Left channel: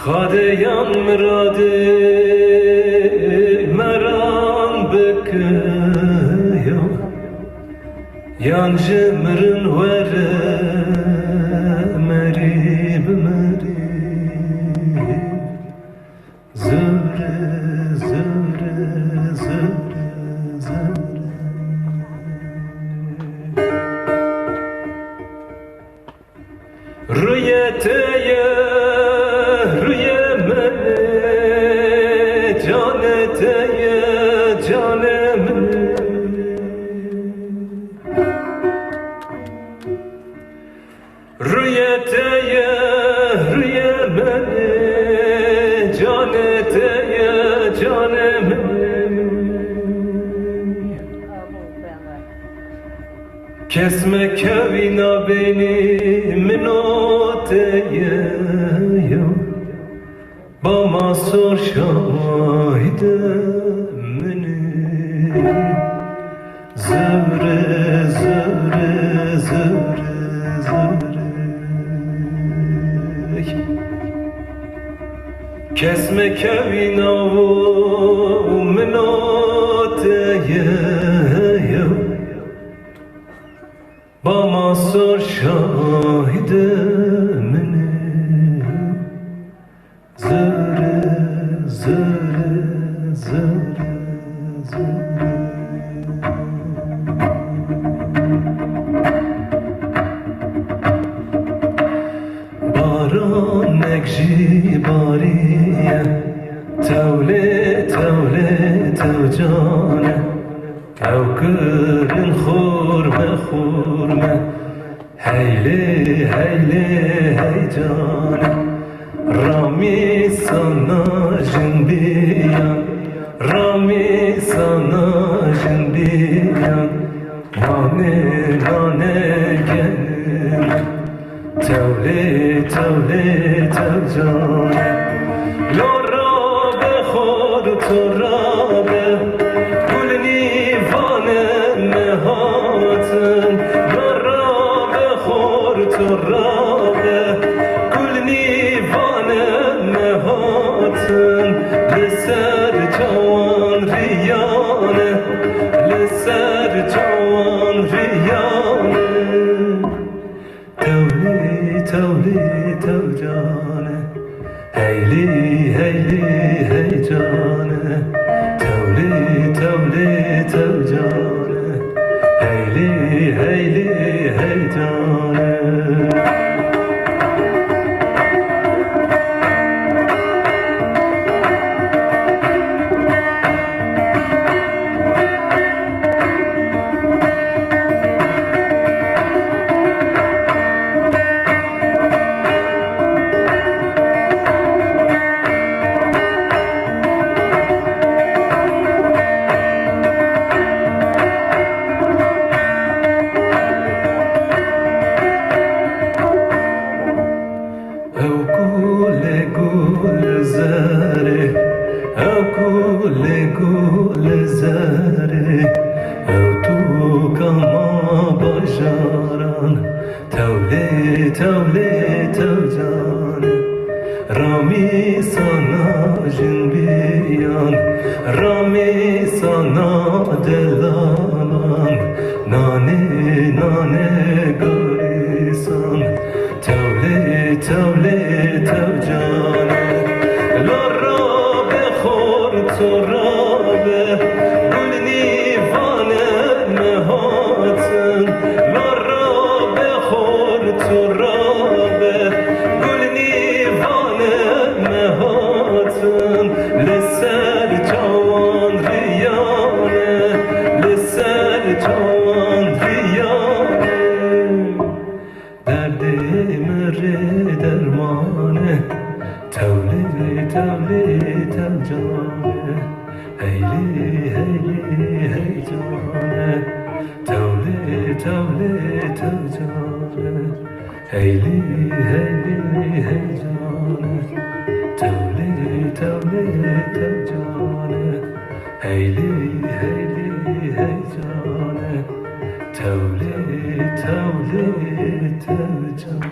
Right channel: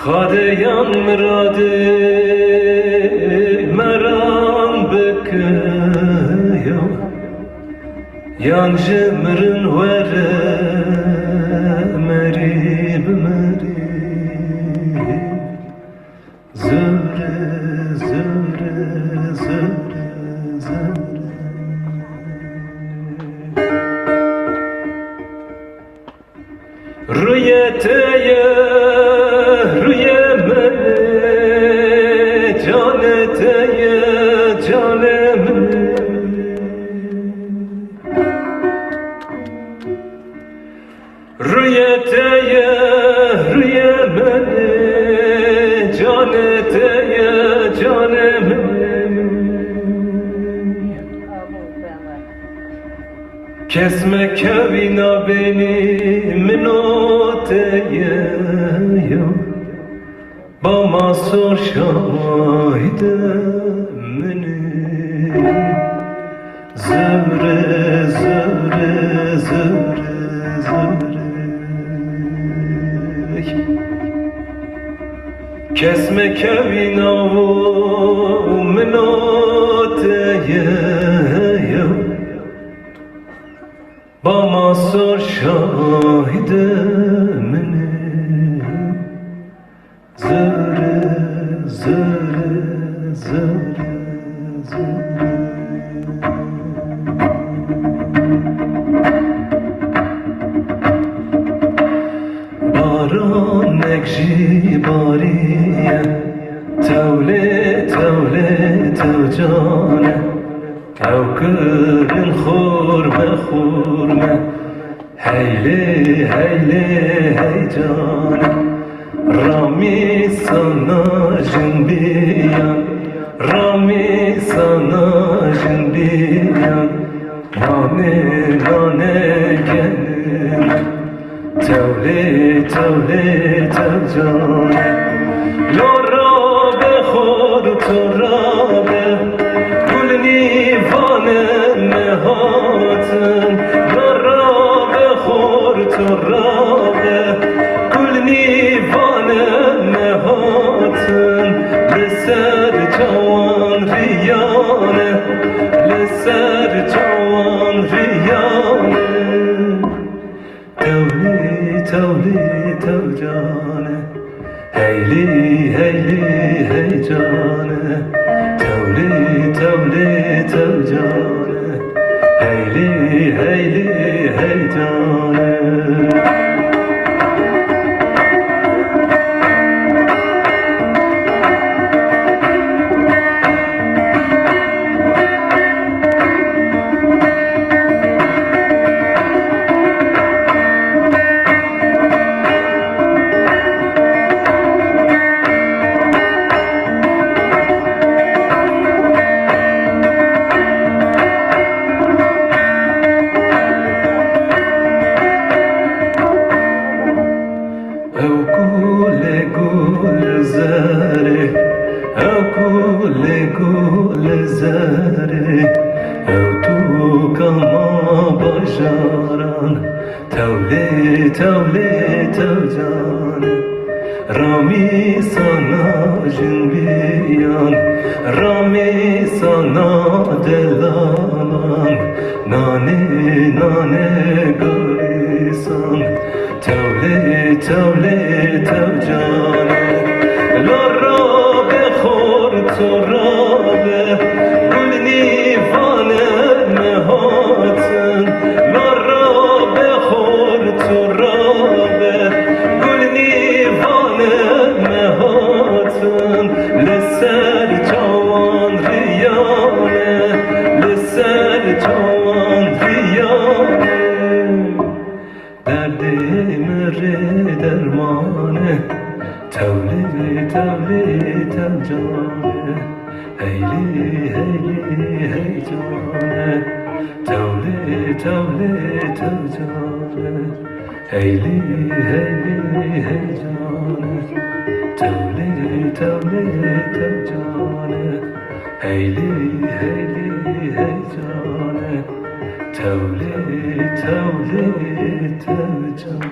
خادیم مراده مرام بکیو یان جمرن وره مریب مریب زره زره زره زره روی تیه روی من جان تیه جان من روی تیه روی من جان تیه جان من کسم کوینا بینی منو تیه با ما سر شاهد منی زره زره زره زره کسم کوینا منو تیه با ما سر شاهد منی زره زره زره زره باران نکشی باریه توله توله تو جانه کوکر خورمه خورمه هیله هیله هی جانه رامی sana jindiyan Rami sana jindiyan Nane nane gelim Tevle tevle tevcane Lora be khor لسر جوان ریانه لسر جوان ریانه تولی تولی تو جانه هیلی هیلی هی جانه تولی تولی تو جانه هیلی هیلی هی جانه زره او تو کما باشاران تولی تولی تو جانه رامی سانا جنبیان رامی سانا دلان نانه نانه گریسان تولی تولی تو جانه لارا بخور تو رابه گل نیفانه مهاتن لارا بخور تو رابه گل نیفانه مهاتن لسر جوان ریانه لسر جوان ریانه درد مره درمانه تولی تولی تو جانه هیلی هیلی هی جانه تولی تولی تو جانه هیلی هیلی هی جانه تولی تولی تو جانه هیلی هیلی هی جانه تولی تولی تو جانه